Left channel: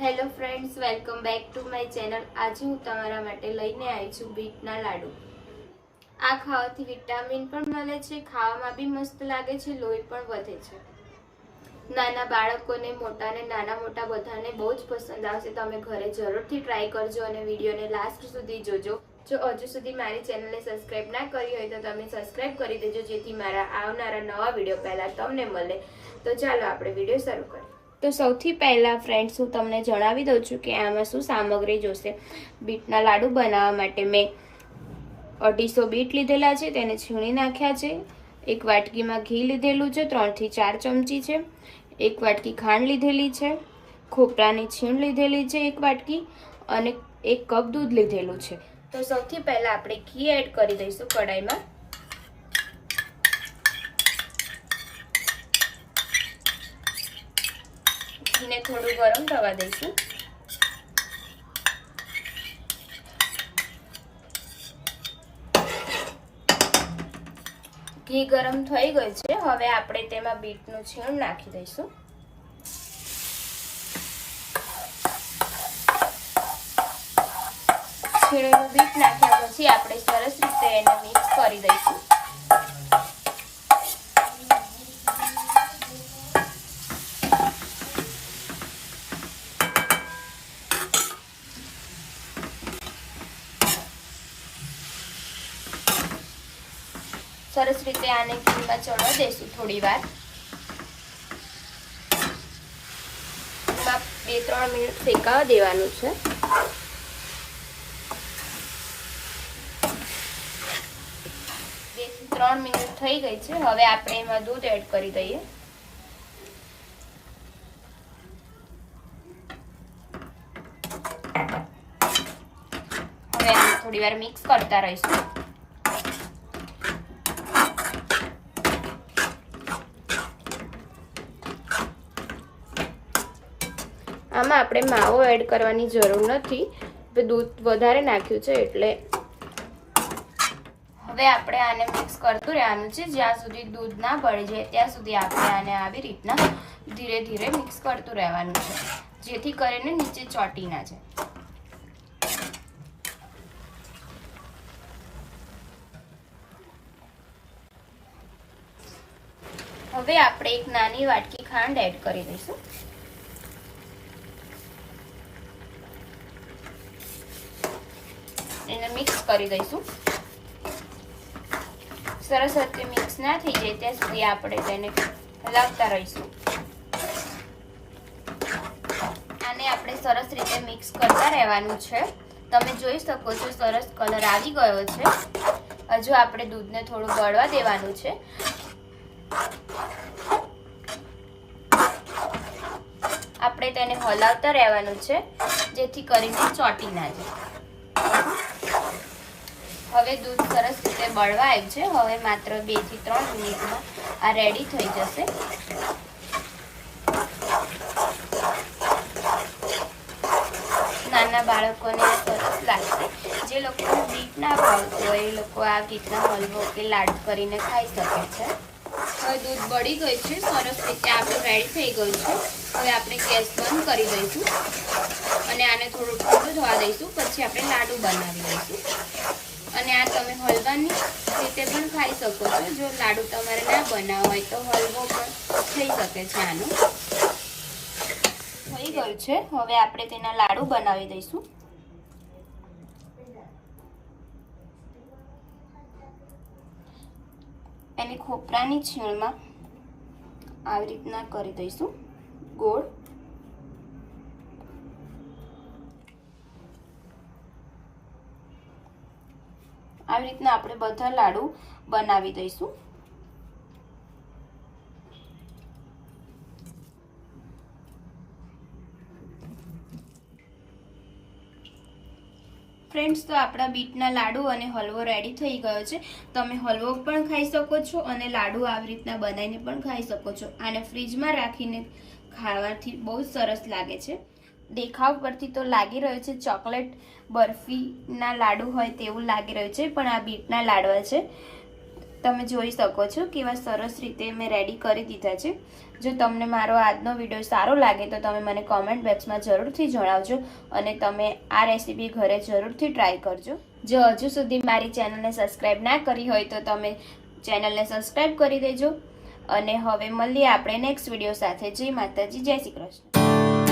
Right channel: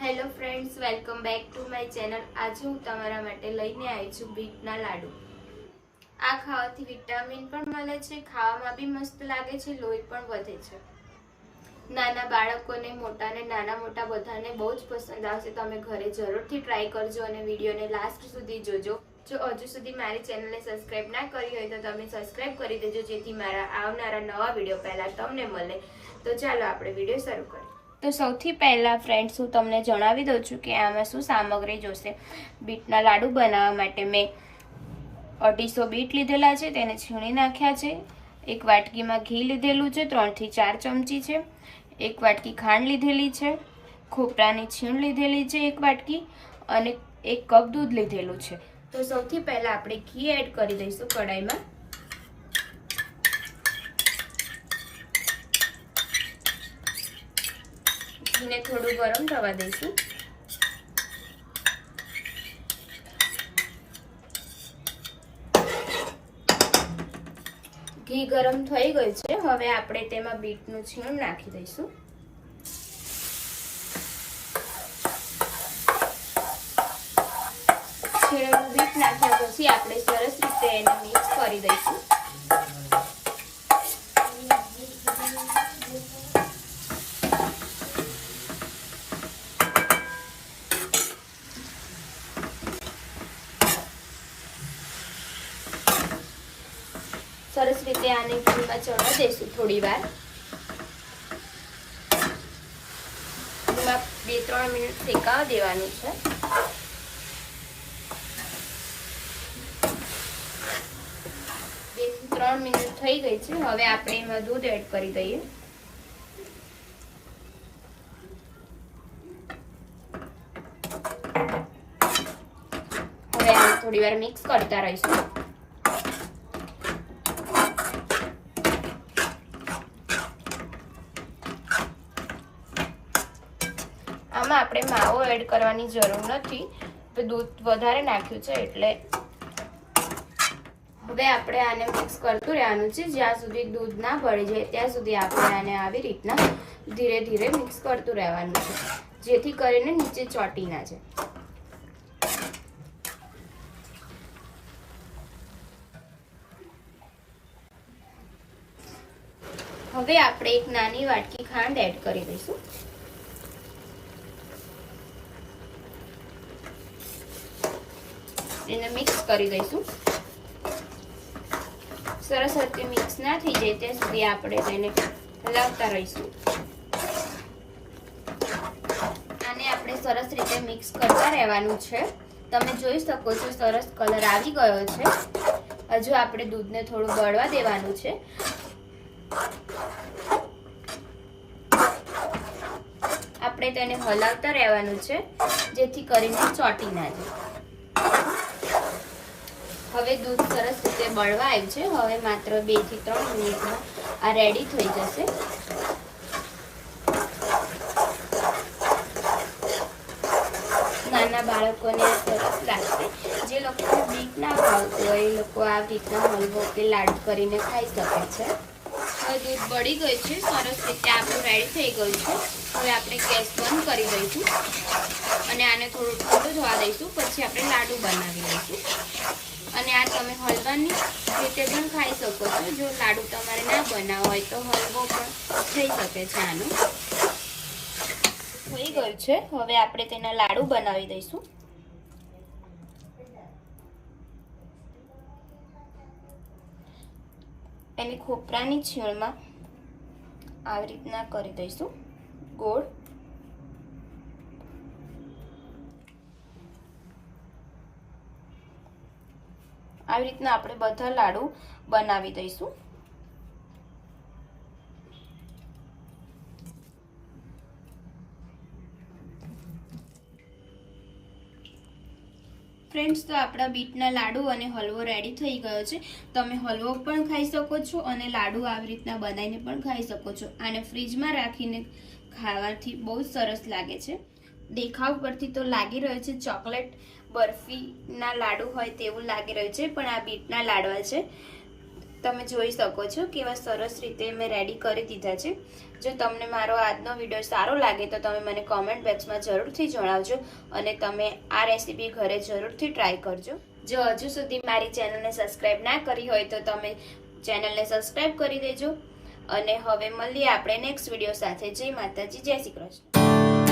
Hello friends, welcome back to my channel. આજે હું તમારા માટે લઈને આવી છું બીટના લાડુ। આ ખાવાથી વિટામિન પણ મળે છે, ખાવામાં બી મસ્ત લાગે છે, લોહી પણ વધે છે। નાના બાળકોને મોટાને નાના મોટા બધાને બહુ જ પસંદ આવશે। તમે ઘરે જરૂરથી ટ્રાય કરજો અને વિડીયોને લાસ્ટ સુધી જોજો। જો હજુ સુધી મારી ચેનલને સબસ્ક્રાઇબ ના કરી હોય તો તમે સબસ્ક્રાઇબ કરી દેજો, જેથી મારા આવનારા નવા વિડીયો પહેલા તમને મળે। તો ચાલો આપણે વિડીયો શરૂ કરીએ। તો સૌથી પહેલા ફ્રેન્ડ્સ હું તમને જણાવી દઉં છું કે આમાં શું સામગ્રી જોશે। બીટના લાડુ બનાવવા માટે મેં 250 બીટ લીધેલા છે, તેને છીણી નાખ્યા છે। એક વાટકીમાં ઘી લીધેલું છે, 3 થી 4 ચમચી છે। એક વાટકી ખાંડ લીધેલી છે, ખોપરાની છીણ લીધેલી છે 1 વાટકી, અને 1 કપ દૂધ લીધેલું છે। તો સૌથી પહેલા આપણે ઘી એડ કરી દઈશું કડાઈમાં। ઘીને થોડું ગરમ થવા દઈશું। ઘી ગરમ થઈ ગયું છે, હવે આપણે તેમાં બીટનું છીણ નાખી દઈશું। છીણેલું બીટ નાખ્યા પછી આપણે સરસ રીતે એને મિક્સ કરી દઈશું। સરસ રીતે આને ઘીમાં ચડવા દઈશું થોડી વાર। 2-3 મિનિટ શેકાવા દેવાની છે। 2 થી 3 મિનિટ થઈ ગઈ છે, હવે આપણે એમાં દૂધ એડ કરી દઈએ। હવે થોડી વાર મિક્સ કરતા રહીશું। આમાં આપણે માવો એડ કરવાની જરૂર નથી, દૂધ વધારે નાખ્યું છે એટલે। હવે આપણે આને મિક્સ કરતું રહેવાનું છે, જ્યાં સુધી દૂધ ના બળી જાય ત્યાં સુધી આપણે આને આવી રીતના ધીરે ધીરે મિક્સ કરતું રહેવાનું છે, જેથી કરીને નીચે ચોંટી ના જાય। હવે આપણે એક નાની વાટકી ખાંડ એડ કરી દઈશું। એને મિક્સ કરી દઈશું। સરસ રીતે મિક્સ ના થઈ જાય ત્યાં સુધી આપણે તેને હલાવતા રહીશું। આને આપણે સરસ રીતે મિક્સ કરતા રહેવાનું છે। તમે જોઈ શકો છો સરસ કલર આવી ગયો છે। હજુ આપણે દૂધને થોડું ગળવા દેવાનું છે। આપણે તેને હલાવતા રહેવાનું છે, જેથી કરીને ચોંટી ના જાય। હવે દૂધ સરસ રીતે બળવા આવ્યું છે, હવે માત્ર 2 થી 3 મિનિટમાં આ રેડી થઈ જશે। નાના બાળકોને આ સરસ લાગશે। જે લોકોને બીટ ના ભાવતું હોય એ લોકો આ રીતના હલવો કે લાડુ કરીને ખાઈ શકે છે। હવે દૂધ બળી ગયું છે, સરસ રીતે આપણું રેડી થઈ ગયું છે। હવે આપણે ગેસ બંધ કરી દઈશું અને આને થોડું ઠંડુ થવા દઈશું, પછી આપણે લાડુ બનાવી દઈશું। અને આ તમે હલવાની રીતે પણ ખાઈ શકો છો। જો લાડુ તમારે ના બનાવવો હોય તો હલવો પણ થઈ શકે છે। આનો થઈ ગયું છે, હવે આપણે તેના લાડુ બનાવી દઈશું। એને ખોપરાની છીણમાં આવી રીતના કરી દઈશું ગોળ। આવી રીતના આપણે બધા લાડુ બનાવી દઈશું। ફ્રેન્ડ્સ, તો આપણા બીટના લાડુ અને હલવો રેડી થઈ ગયો છે। તમે હલવો પણ ખાઈ શકો છો અને લાડુ આવી રીતના બનાવીને પણ ખાઈ શકો છો। આને ફ્રીજમાં રાખીને ખાવાથી બહુ સરસ લાગે છે। દેખાવ પરથી તો લાગી રહ્યું છે ચોકલેટ બરફીના લાડુ હોય તેવું લાગી રહ્યું છે, પણ આ બીટના લાડવા છે। તમે જોઈ શકો છો કેવા સરસ રીતે મેં રેડી કરી દીધા છે. જો તમને મારો આજનો વિડીયો સારો લાગે તો તમે મને કોમેન્ટ બોક્સમાં જરૂરથી જણાવજો અને તમે આ રેસીપી ઘરે જરૂરથી ટ્રાય કરજો. જો હજુ સુધી મારી ચેનલને સબસ્ક્રાઇબ ના કરી હોય તો તમે ચેનલને સબસ્ક્રાઇબ કરી દેજો. અને હવે મળીએ આપણે નેક્સ્ટ વિડીયો સાથે. જય માતાજી, જય શ્રી કૃષ્ણ.